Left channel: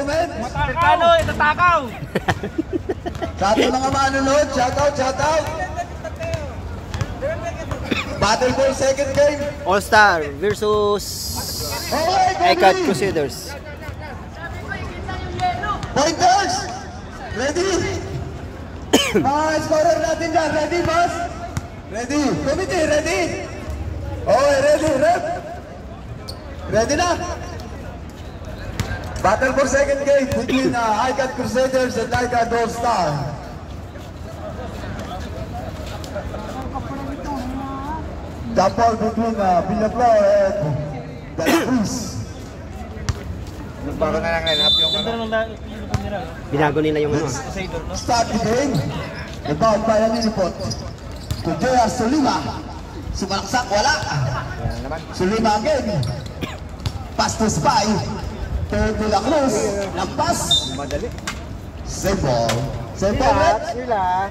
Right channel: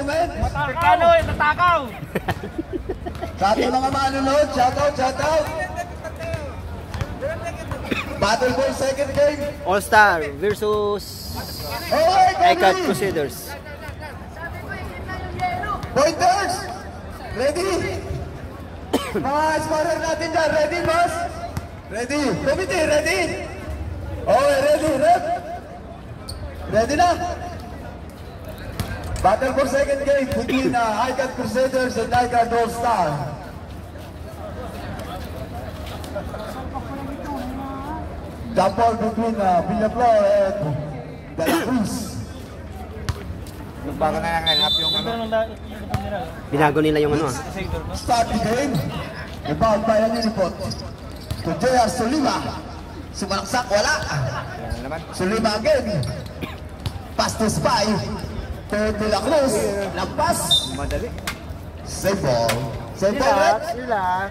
comment. Matakaw! Itatakaw! Sa ating mga manonood, shoutout, shoutout. Battle Ball second game. All-Star versus ICAD Crusaders. Pointers! Ready? Mga scorer natin dyan, ready, boss? Ready? Committee, ready? Okay, ready, rep? Ready na? Battle for second game between ICAD Crusaders and ICAD All-Star. Jump ball between Villaflor and De La Cruz. Binago nila yung ano. Start the game. Rebound by Aninipot. To J.R. Solima. Sumalaksak, wala. Solima again. Pass to Spy. To De La Cruz. Lampas. Save ball. Save ball. Relax.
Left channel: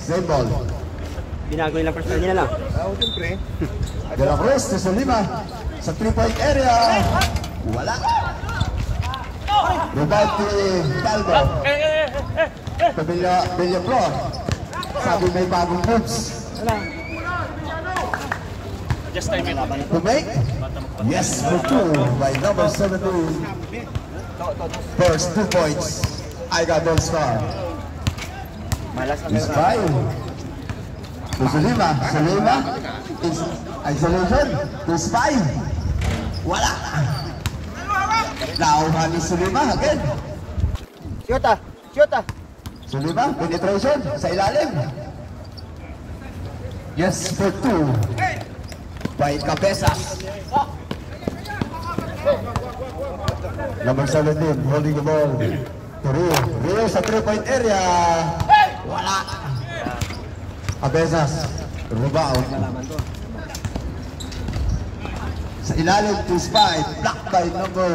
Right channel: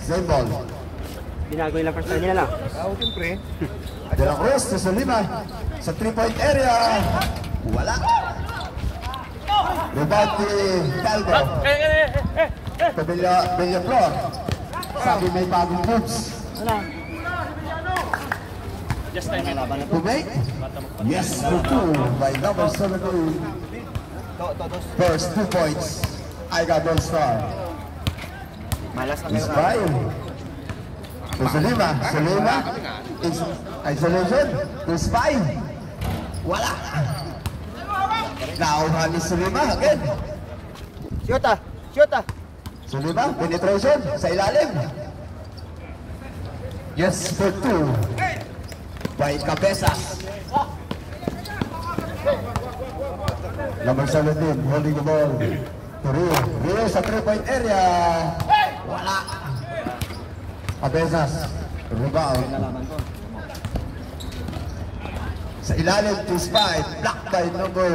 Save ball. Binago nila first time nila lang. De La Cruz to Solima. Sa 3-point area. Wala. Rebound to Talbo. To Villaflor. Sabi may bagong moves. To make? Yes, for 2 by number 17. First 2 points. I got All-Star. Is by to Solima. Solima is isolation. To Spy. Wala. Now, kami Solima again. Shoota! Shoota! Solima, penetration sa ilalim. Yes, for 2 by Cabezas. Number 17, holding the ball to Rio. Rio sa 3-point area. Wala. Cabezas. Rebound. Sa ilalim to Spy. Block by number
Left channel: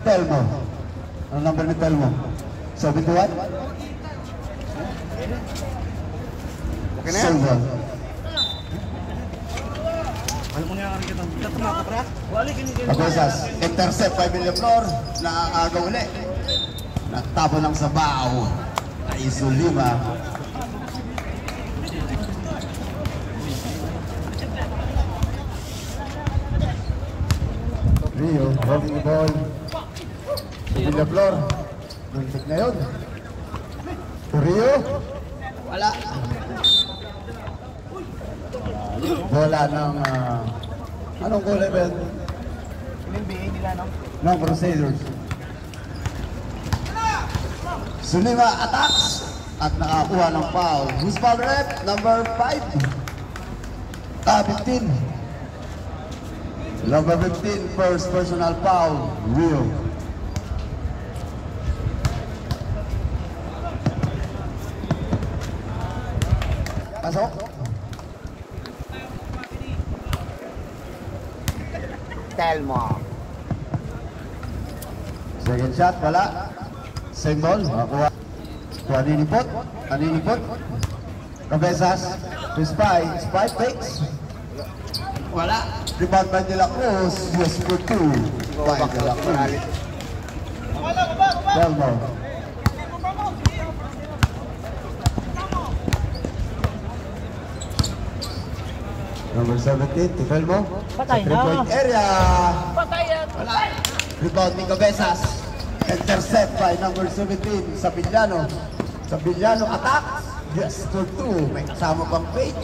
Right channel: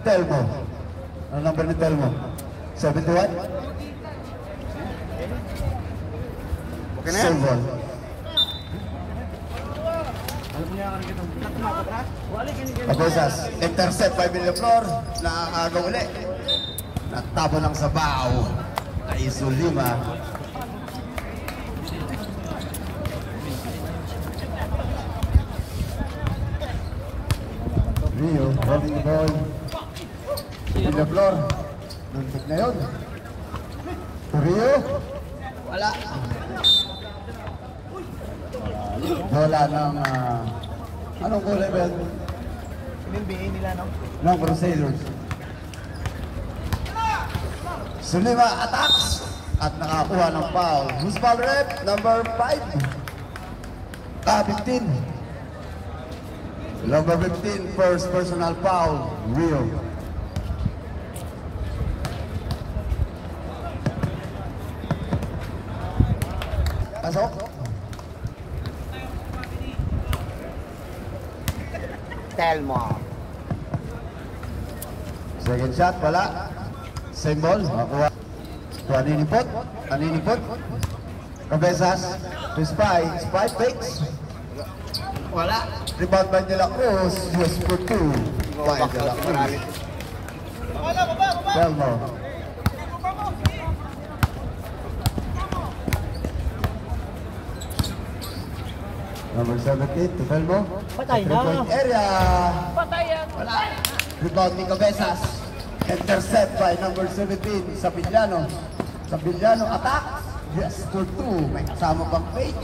Telmo. Ang number ni Telmo? 71? Okay na yan? Silver. Cabezas. Intercept by Villaflor. Nakakagaw ulit. Nagtabo lang sa bao. Kay Solima. Rio holding the ball. Villaflor. Nuntik na yun. Rio. Wala. Bola ng anong goal event? NBA nila, no? No, Crusaders. Solima attacks at nakakuha ng foul. Who's foul rep? Number 5. 15. Number 15, first personal foul. Rio. Pasok. Telmo. Second shot, wala. Same ball, makakuha. Aninipot, Aninipot. Cabezas, to Spy, Spy fakes. Wala. Rebound by De La Cruz, yes for 2 by De La Cruz. Telmo. Number 17 to Telmo. Patay na. 3-point area. Patay yan. Wala. Rebound ni Cabezas. Intercept by number 17, Sabillano. Sabillano attack. Yes, for 2. May kasama pang fake.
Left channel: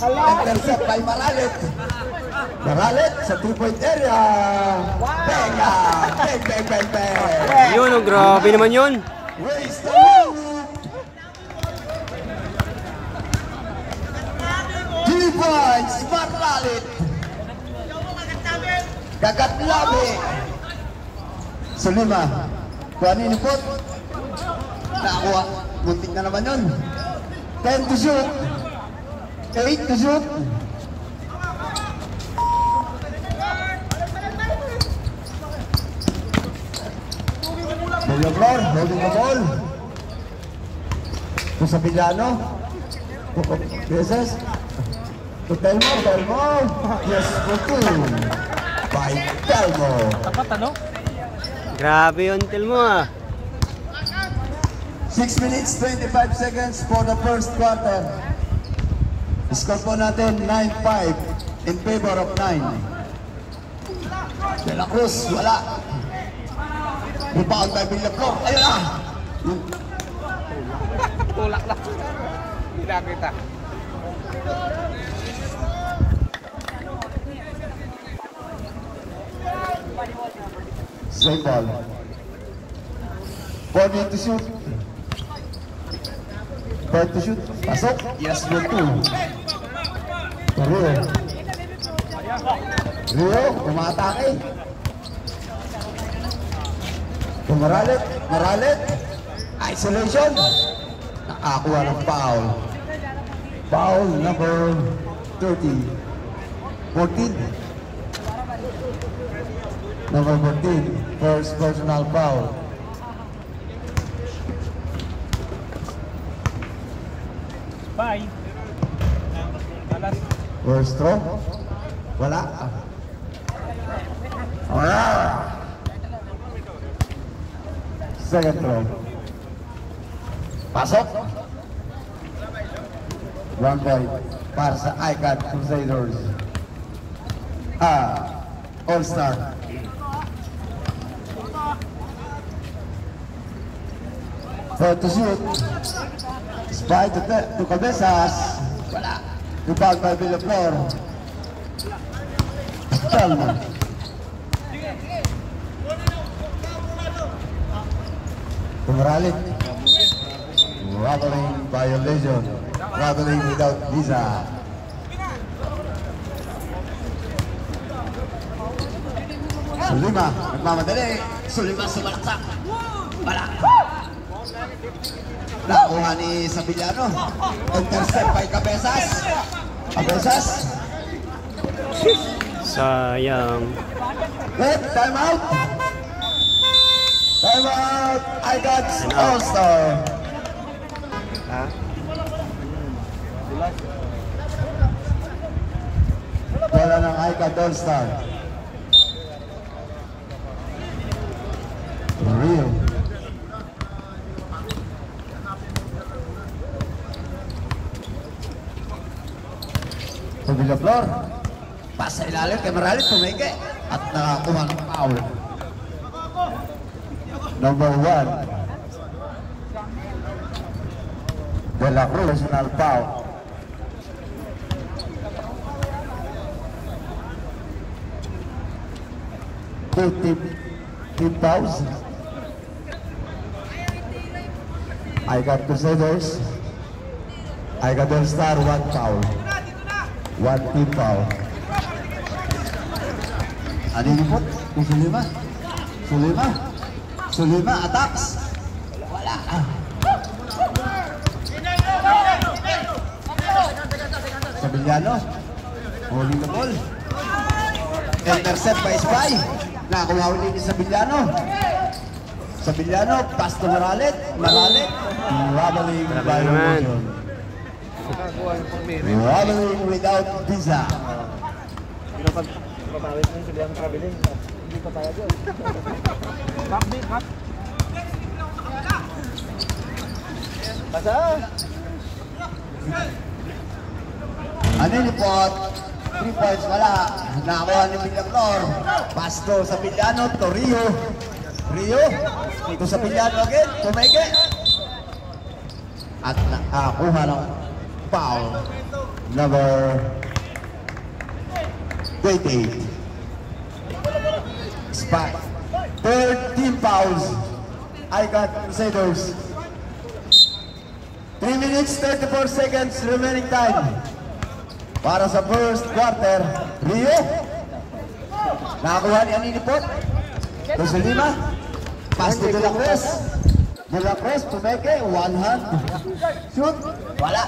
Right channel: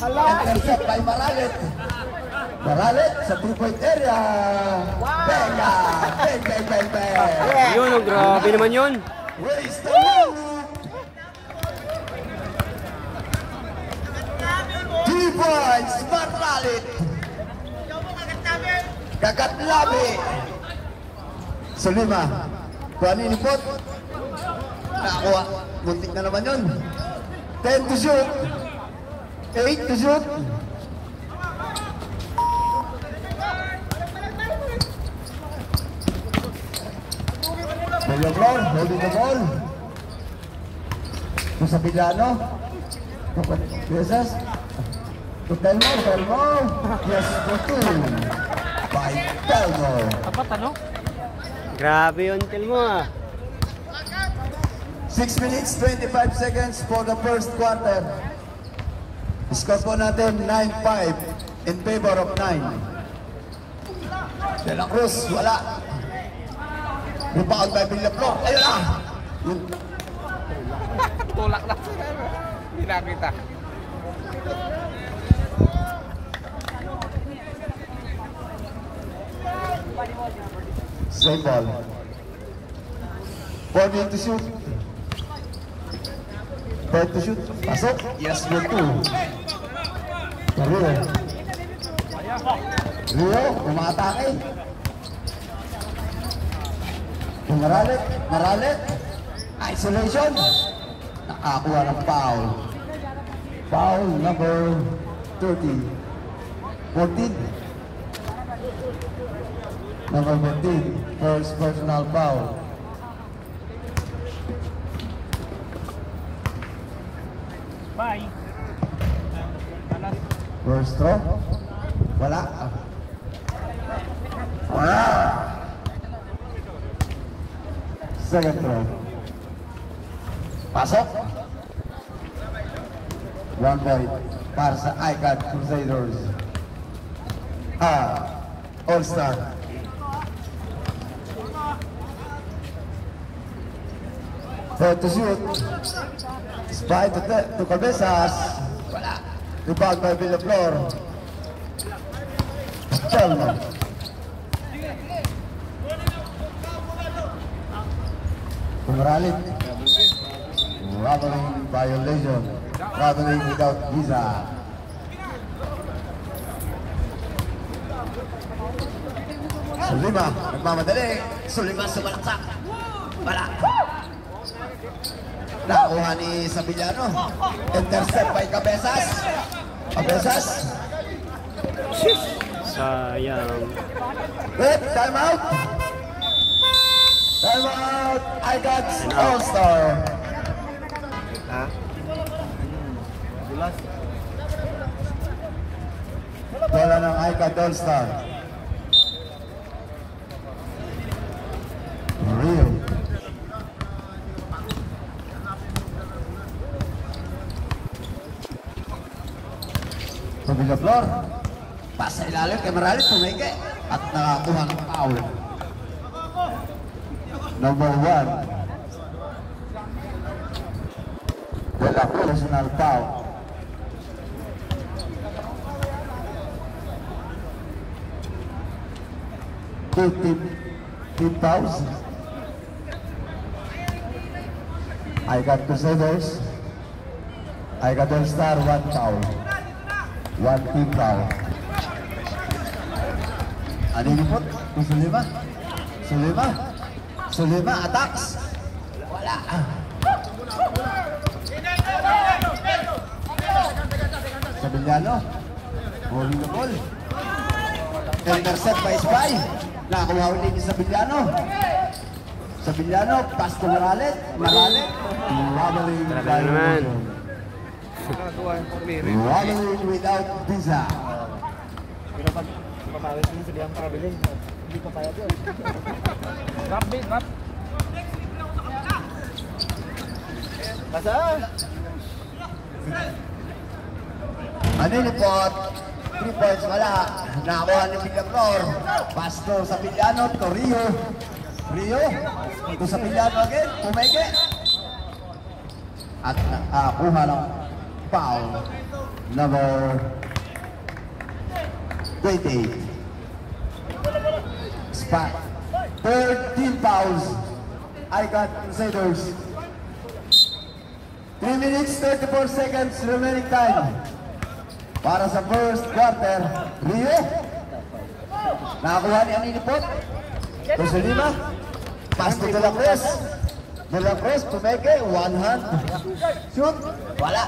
Intercept by Maralet. Maralet sa 2-point area. Benga! Bang, bang, bang, bang! Yun, oh, grabe naman yun. Raise the loop! 3 points, Maralet. Dagat labi. Solima. Kung ano yung ikot? Nakakuha. Muntik na naman yun. 10 to shoot. 8 to shoot. Villaflor holding the ball. Kung sa Villano. Yes. Telmo, Telmo. Yes, for 2. By Telmo. Tapat, ano? Grabe yung tel mo ah. 6 minutes 25 seconds for the first quarter. Score po natin 9-5 in favor of 9. De La Cruz, wala. Rebound by Villaflor. Ayun na! Tulak lang. Hindi nakita. Zone ball. 4 to shoot. 4 to shoot. Pasok. Yes, good two. Rio. Rio, umatake. Maralit. Maralit. Isolation. Nakakuha ng foul. Foul number 30. 14. Number 14. First personal foul. Bye. Balas. First throw. Wala. Wala. Second throw. Pasok. One point para sa ICAD Crusaders. All-Star. For to shoot. Spy to Cabezas. Wala. Rebound by Villaflor. Talma. Pumaralit. Traveling violation. Traveling without visa. Sulima. Nagmamadali. Sulima sumalaksak. Wala. Nakuha ni Sabillano. Intercept by Cabezas. Cabezas. Sayang. Wait, time out. Time out. I got Time out. All-Star. Wala ng I got All-Star. Rio. Pagbiga floor. Pasa ilalim kay Maralit, tumike. At nakakuha ng foul. Number 1. De La Cruz, personal foul. Team fouls. I got Crusaders. I got All-Star, 1 foul. 1 team foul. Ano yung report? Kung Sulima? Sulima? Sulima attacks? Wala. Sabillano. Holding the ball. Intercept by Spy. Nakakuha ulit ni Sabillano. Sabillano, pass to Maralit. Maralit. Waddling Grabe na naman. Waddling without visa. Pero pag kamawit mo sila ang traveling, hindi ka tayo doon. Drop din, drop. Basta! Ano yung report? 3 points, wala. Nakakuha ni Villaflor. Pass to Sabillano, to Rio. Rio, to Sabillano again, pumeke. At nakakuha ng foul. Number 28. Spot. Third team fouls. I got Crusaders. 3 minutes 34 seconds remaining time. Para sa first quarter. Rio. Nakakuha ni Anini Pot. Puso 5. Pass to De La Cruz. De La Cruz to Meke. One hand. Shoot. Wala.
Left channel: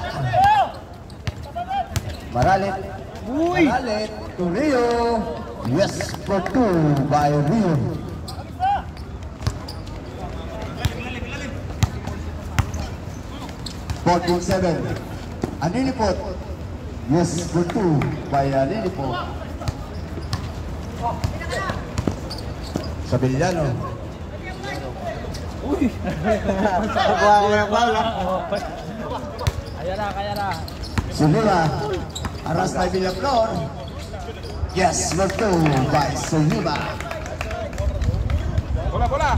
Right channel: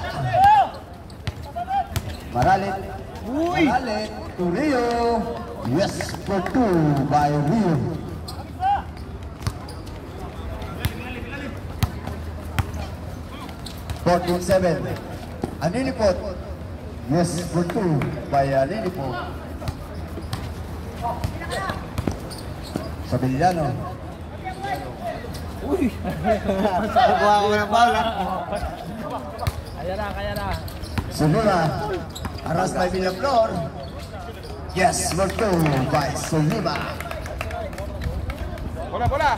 Maralit. Maralit to Rio. Yes, for 2 by Rio. $14-7. Anini Pot. Yes, for 2 by Anini Pot. Sabillano. Uy! Kaya na. Sulima, aras by Villaflor. Yes, work 2 by Sulima. Bola!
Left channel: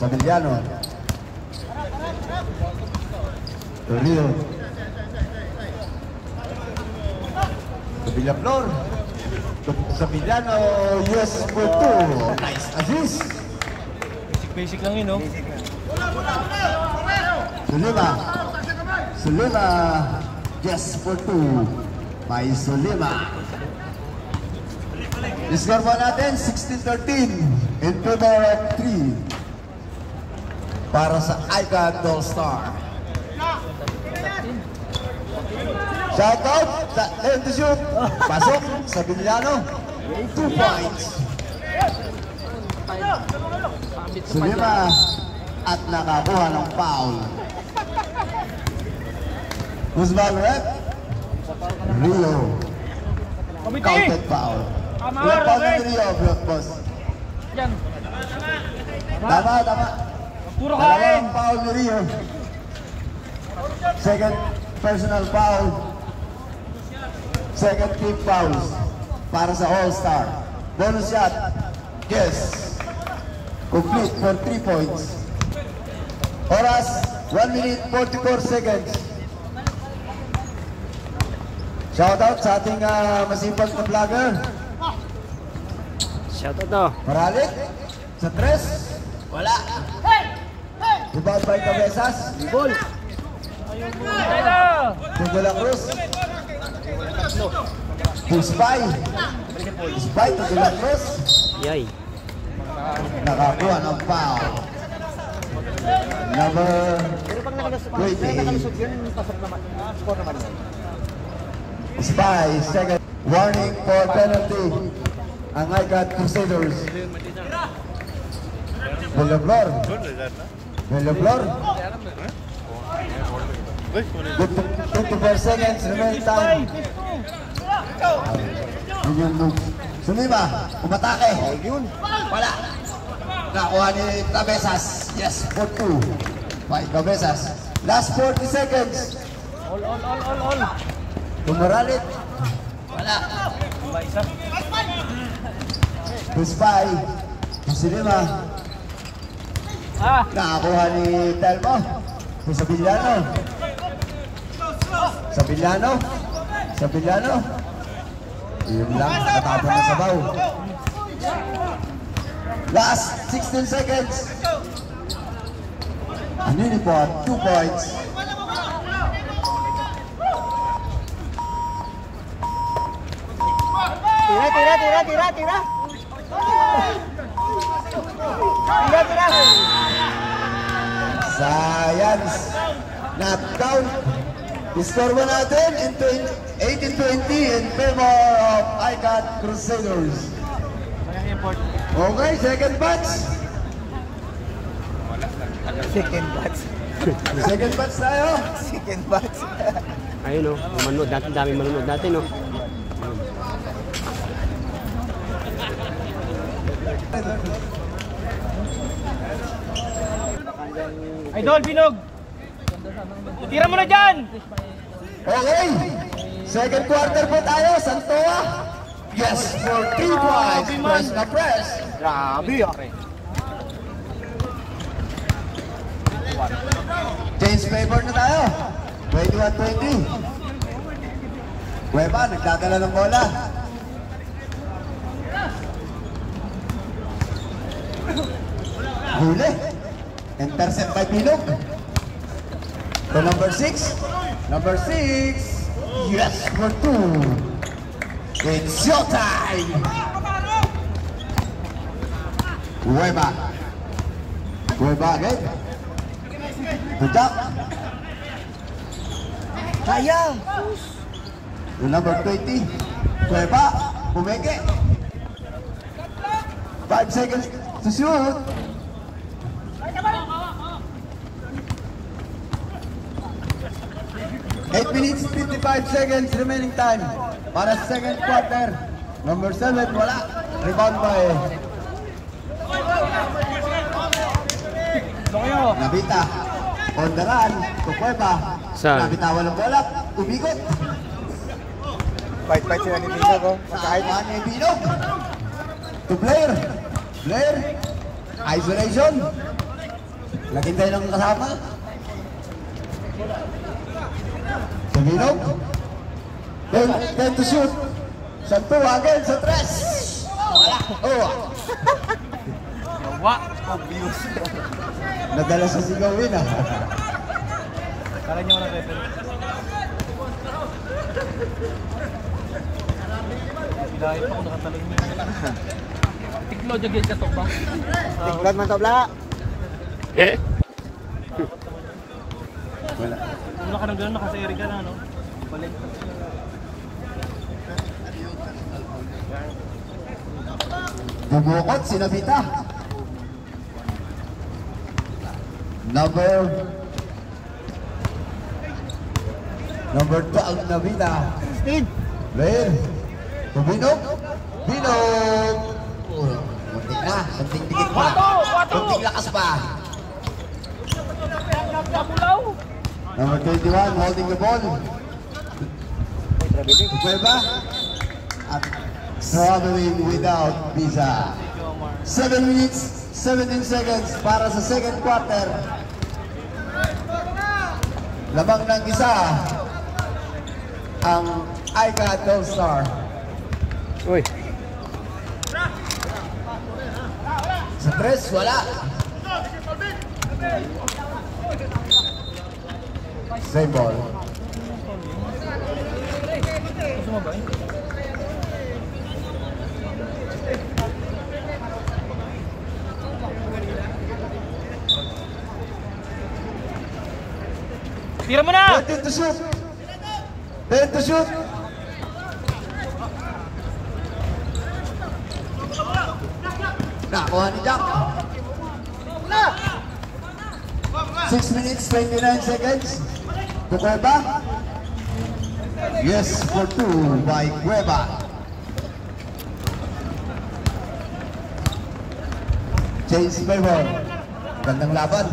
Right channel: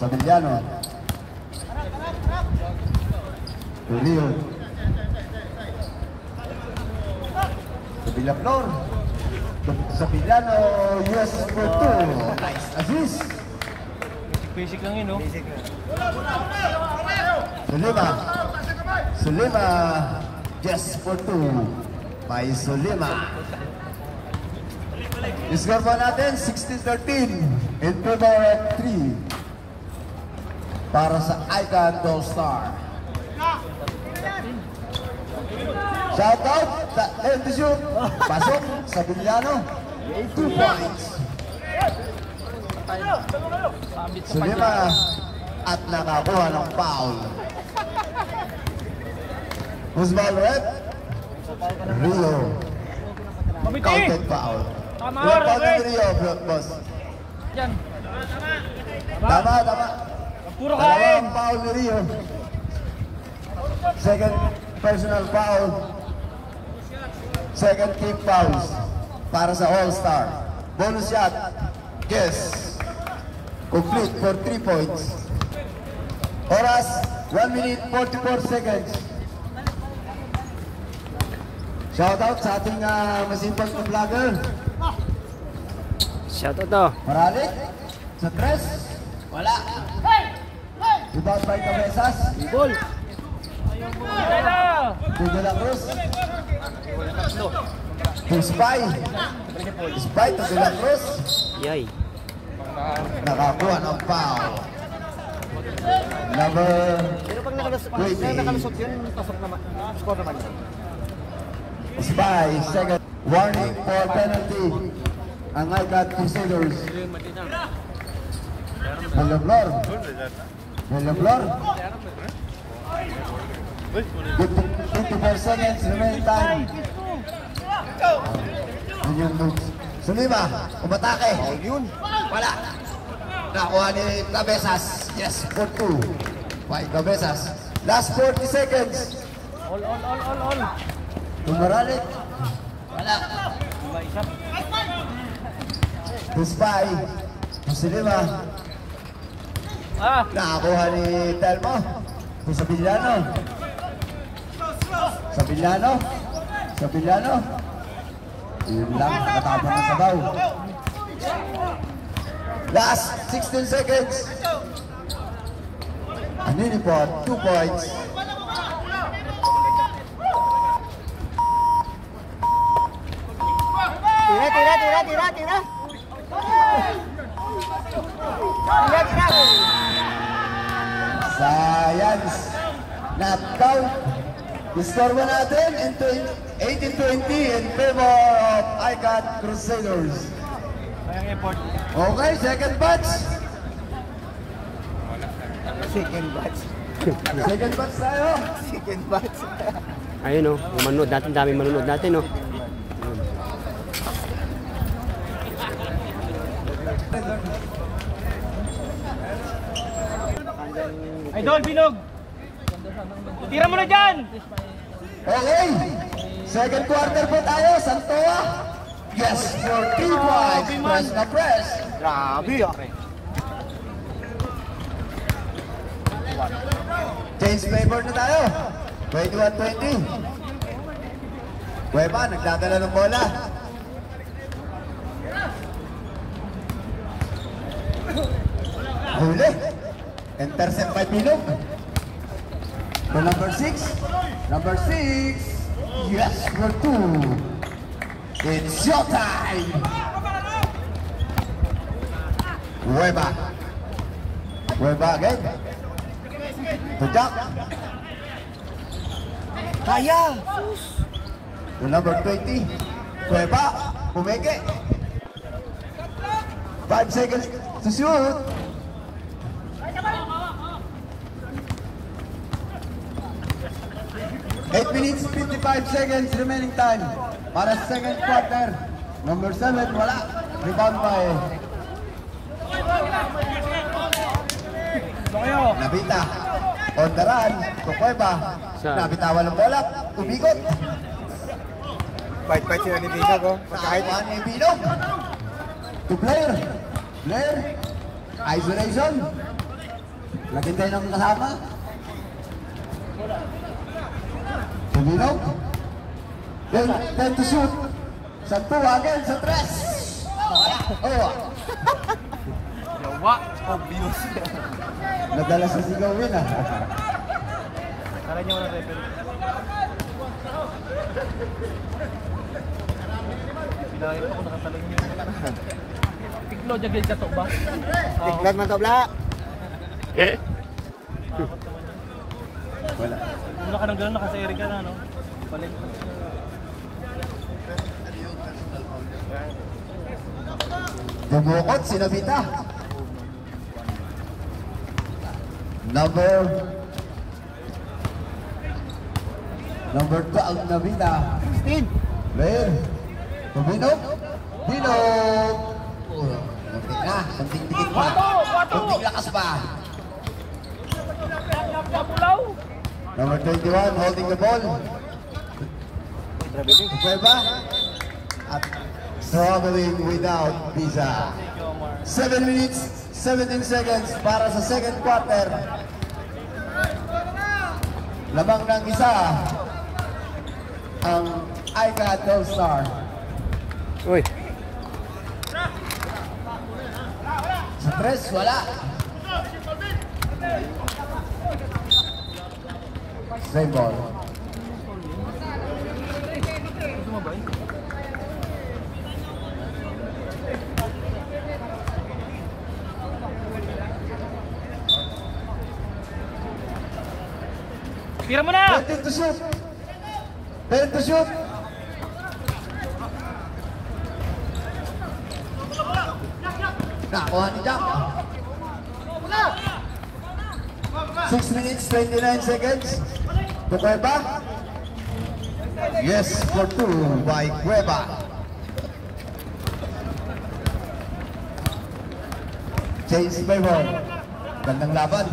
Sabillano. Tulio. Sa Villaflor. Sabillano, yes, work 2. Nice assist. Basic lang yun, no? Sulima, yes, work 2 by Sulima. Score po natin, 16-13 in favor of 3 para sa Icon Gold Star. Shoutout sa lane to shoot. Pasok sa Villano. 2 points. Sulima at nakakuha ng foul. Usman rep. Rio. Counted foul. Block foul ni Rio, block boss. Yan. Tama. Puro kain. Dalawang foul ni Rio. Second personal foul. Second team fouls para sa All-Star. Bonus shot. Yes. Complete for 3 points. Oras, 1 minute 44 seconds. Shoutout sa ating masipag na vlogger. Shoutout to. Maralik. Sa tres. Wala. Rebound by Cabezas. Ball. Tugo la Cruz. Spy. Spy, tugo la Cruz. Yay. Nakakuha ng foul. Number 28. Spy, second. Warning for penalty. Ang Icon Crusaders. Villaflor. Good to 24 seconds remaining time. Yun yung moves. Sulima, umatake. Wala. Nakuha ni Cabezas. Yes, for 2. By Cabezas. Last 40 seconds. All. Tumaralit. Wala. Spy. Sulima. Nakakuha ni Telmo. Sa Villano. Yun lang, natapon ng sabaw. Last 16 seconds. Unipod, 2 points. Tira. Science. Knocked out. Score mo natin in 18-20 in favor of Icon Crusaders. Okay, second batch. Second batch tayo. Ayun o. Manood natin. Dami manood natin o. Idol, Binog! Tira mo na dyan! Okay, second quarter po tayo, Santoa. Yes, for 3 points. Press na press. Grabe Change favor na tayo. 21-20. Cueva, nagdadala ng bola. Huli. Intercept by Pilog. To number 6. Number 6. Yes, for 2. It's showtime. Cueva again. Tudak. Kaya. To number 20. Cueva. Pumeke. 5 seconds to shoot. 8 minutes 55 seconds remaining time para sa second quarter. Number 7, wala. Rebound by Nabita. On the run. Kukweba. Saan? Nabitawan ng bola. Ubigot. Bite-bite sila ni Binog, oh. Pagkahit. Saan ni Binog? To Blair. Blair. Isolation. Lagyan tayo ng kasama. To Binog. Then to shoot. Santo again sa tres. Oh. Nawa. Obvious. Nadala sa sigaw yun ah. Kala niyo wala referee. Bilahit ako nakataling niyo. Tiklo dyan ka to ba? Tiklad man to bla. Eh? Wala ka nang gano'n, nakaseri ka na, no? Balik. Bubukot si Nabita. Number 12 Nabita. 16. Blair. Binog. Binog. Kunting na. Kunting dikit pa. Kunting lakas pa. Number 21 holding the ball. Kukweba. At traveling without visa. 7 minutes, 17 seconds para sa second quarter. Lamang ng isa ang iCloud All-Star. Uy. Sa tres, wala. Same ball. Tira mo na! 20 to shoot. 10 to shoot. Nakuha ni Jack. 6 minutes, 29 seconds. Kukweba. Yes, for 2 by Cueva. Chase favor. Gandang laban.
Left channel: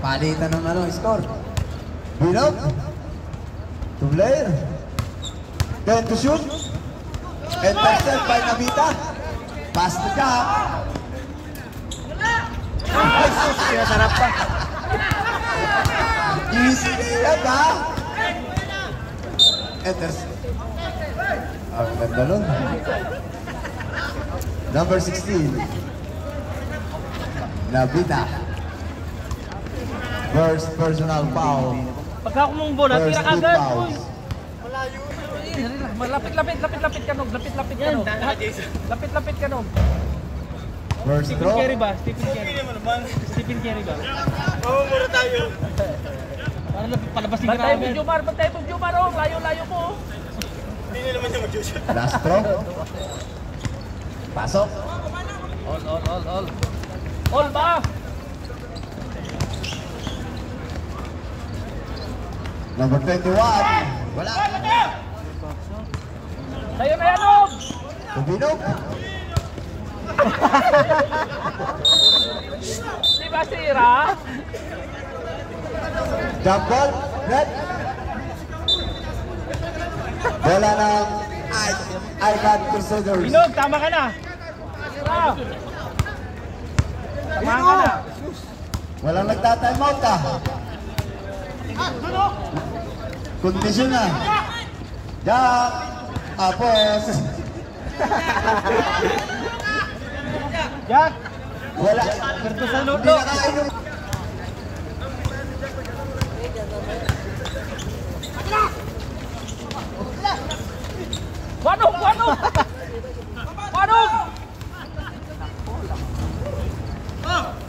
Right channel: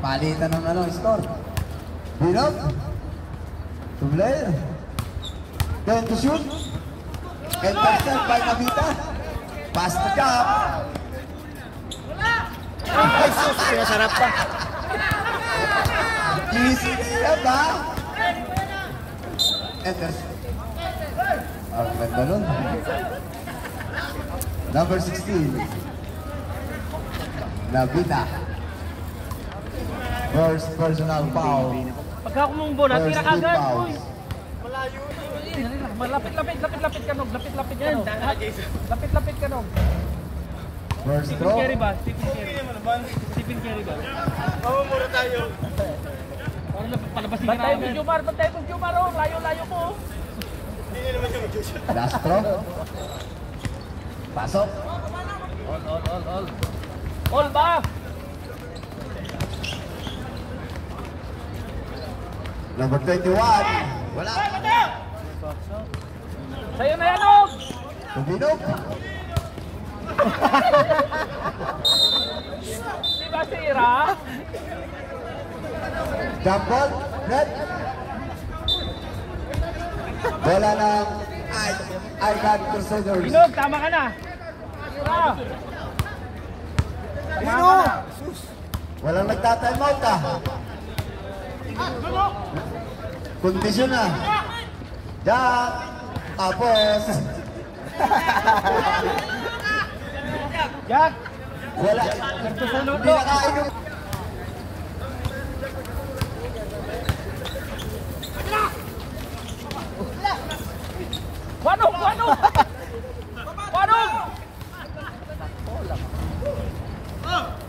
Palitan ng score. Binog. To Blair. Then to shoot. Intercept by Nabita. Pass to Jack. Ay, sus! Sinasarap pa. Easy yan ba? Intercept. Ang ganda nun. Number 16. Nabita. First personal foul. Pagka kumungbo na, tira ka First agad. foul. Malayo. Lapit ka nog. Lapit ka nog. Lapit ka nog. First Stephen throw. Curry ba? Stephen Curry ba? Oo, mura tayo. Paano palabasin ka namin? Bantay mo Jumar, oh. Layo-layo mo. Hindi naman siya mag-shoot. Last throw. Pasok. All. All ba? Number 21. Wala. Sa'yo na yan. Binog. Di ba sira? Jump ball. Red. Bola ng iCloud Crusaders. Binog, tama ka na. Sira. Tama ka na. Walang nagta-time out ah. Kondisyon na. Jack. Apos. Jack. Wala. Hindi nakainom. Wanong!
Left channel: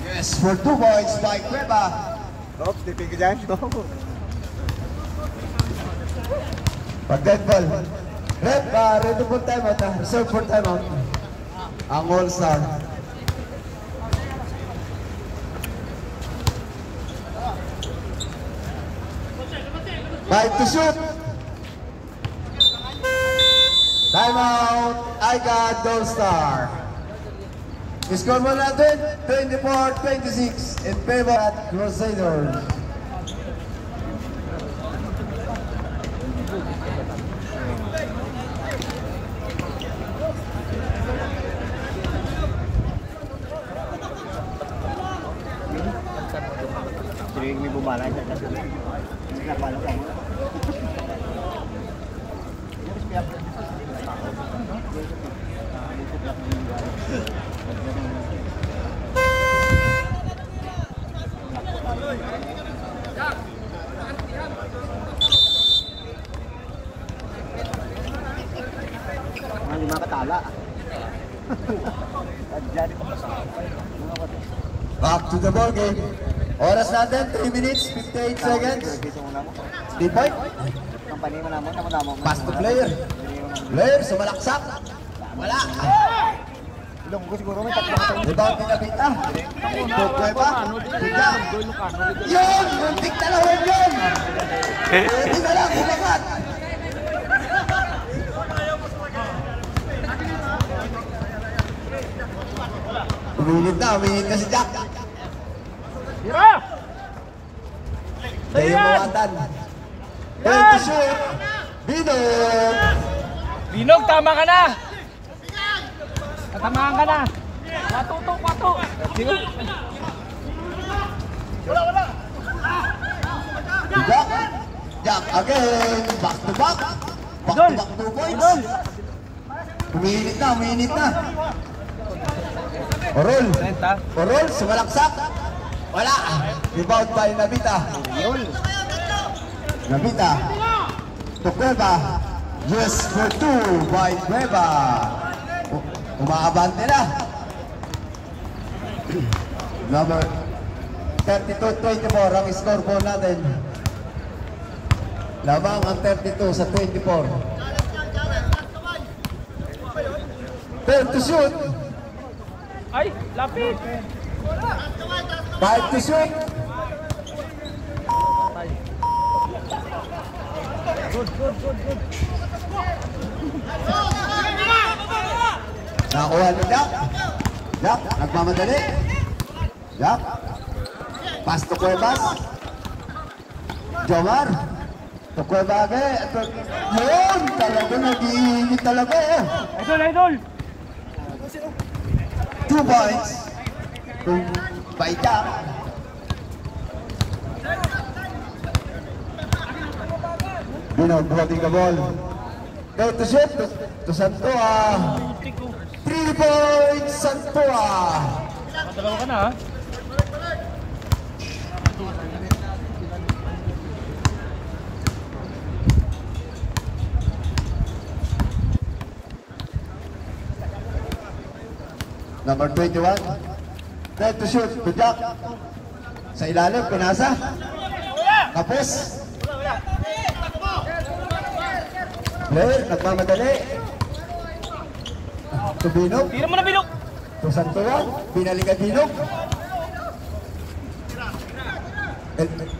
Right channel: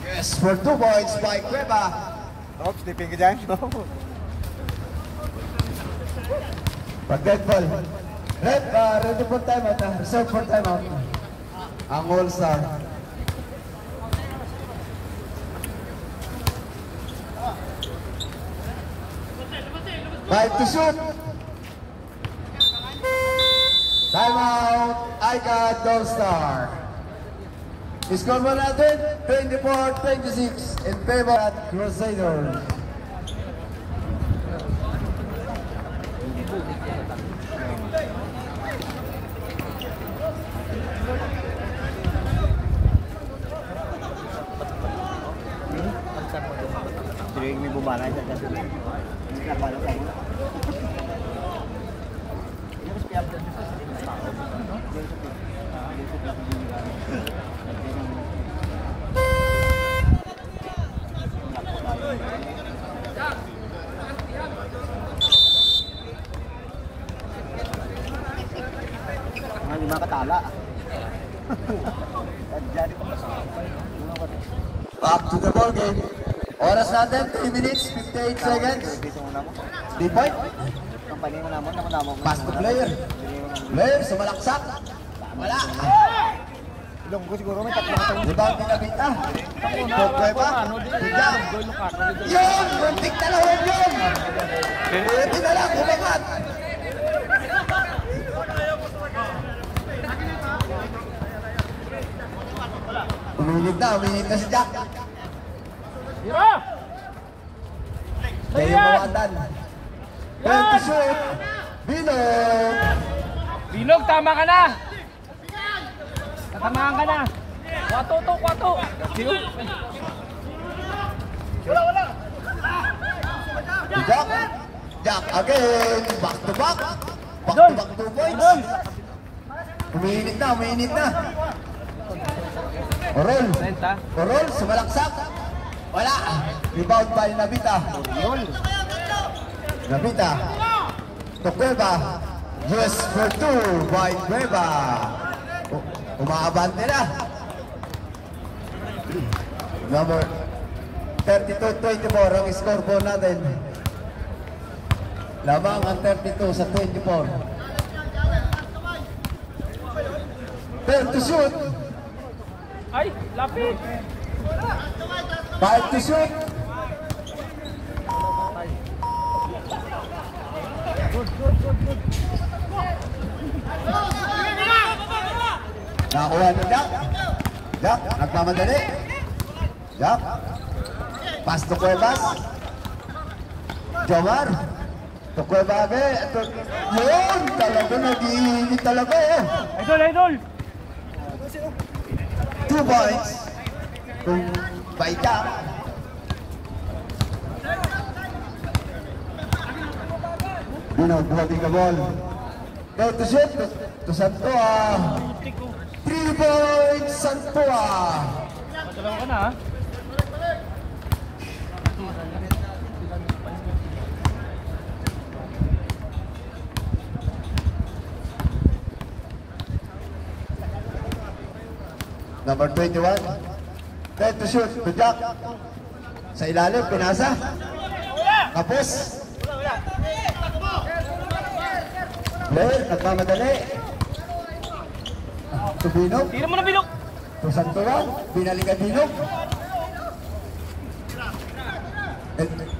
Yes, for 2 points by Cueva. Oops, tipin ka dyan. Pag dead ball. Red, ready for timeout. Reserve for timeout. Ang All-Star. Right to shoot. Timeout. I got All-Star. Score mo natin, 24-26 in favor at Crusaders. May bumalay na kasi. Napano ka mo? Hindi na katala. Up to the ball game. Oras natin, 3 minutes, 58 seconds. 3 point. Pass to player. Player, sumalaksak. Wala. Ilong ko siguro may tatlong. Rebound pinabit na. Pogba. Bigyan. Yun! Muntik na lang yun! Hindi na lang, hilagat. Uminit na si Jack. Tira! Tayo mawatan. Yan! To shoot. Binog! Binog, tama ka na! Katamaan ka na! Kwato! Wala! Jack! Jack again! Back to back! Back to back 2 points! Uminit na! Orol, sumalaksak! Wala! Rebound by Nabita! To Cueva! Yes for 2 by Cueva! Umakabante na! Number 32-24 ang scoreboard natin. Lamang ang 32 sa 24. Turn to shoot! Ay, lapit! 5 to shoot! Good. Nakakuha ni Jack. Jack, nagmamadali. Jack. Pass to Cuevas. Jomar. To Cuevas. Yun! Talaga nag-iinit talaga eh. Idol! 2 points. Kung baita. Buhating ka ball. Go to shoot. To Santua. 3 points Santua. Dalawa ka na ha? Number 21. Go to shoot. Good luck. Sa ilalim, pinasa. Tapos. Blair, nagmamadali. To Binog. Tira mo na, Binog! To Santuan, binalikan Binog.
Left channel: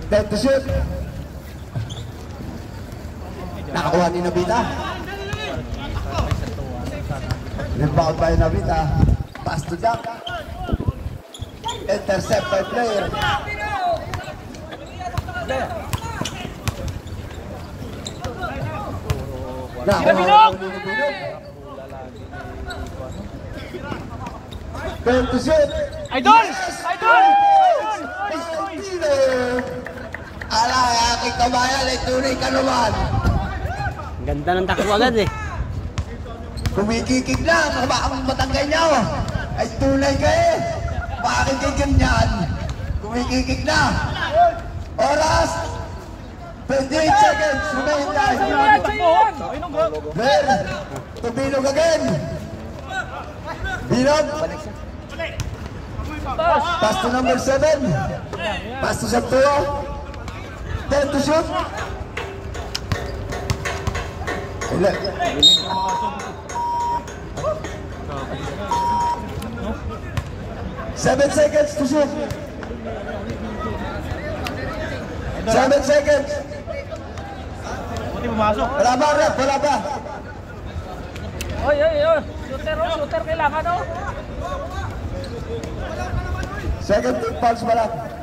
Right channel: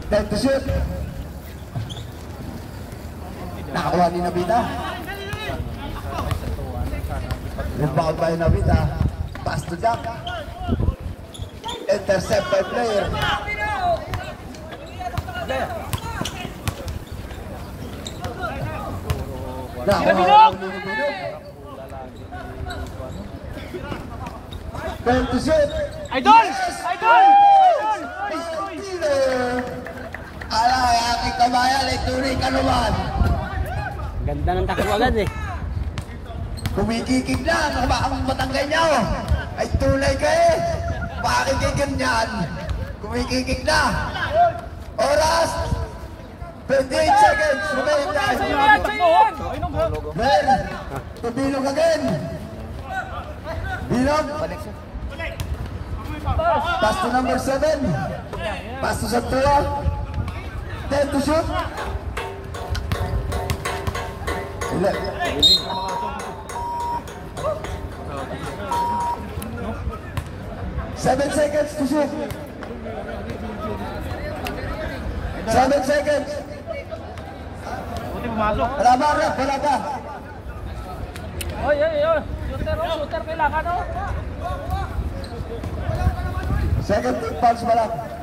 Go to shoot. Nakakuha ni Nabita. Rebound by Nabita. Pass to Jack. Intercept by player. Nakakuha ni Binog. Turn to shoot. Idol! Ala, aking kabayan ay tunay ka naman. Ganda ng takbo agad eh. Kumikikig lang, ang matanggay niya ay tunay ka eh. Bakit kayo ganyan? Kumikikig na. Oras, 28 seconds. Remain guys. Grabe takbo! Ay, nung bro! Red, to Binog again. Binog. Pass to number 7. Pass to Santua. 10 to shoot. 7 seconds to shoot. 7 seconds. Buti pumasok. Wala ba, Rap? Wala ba? Oy. Shooter kailangan oh. Second team fouls pa lang.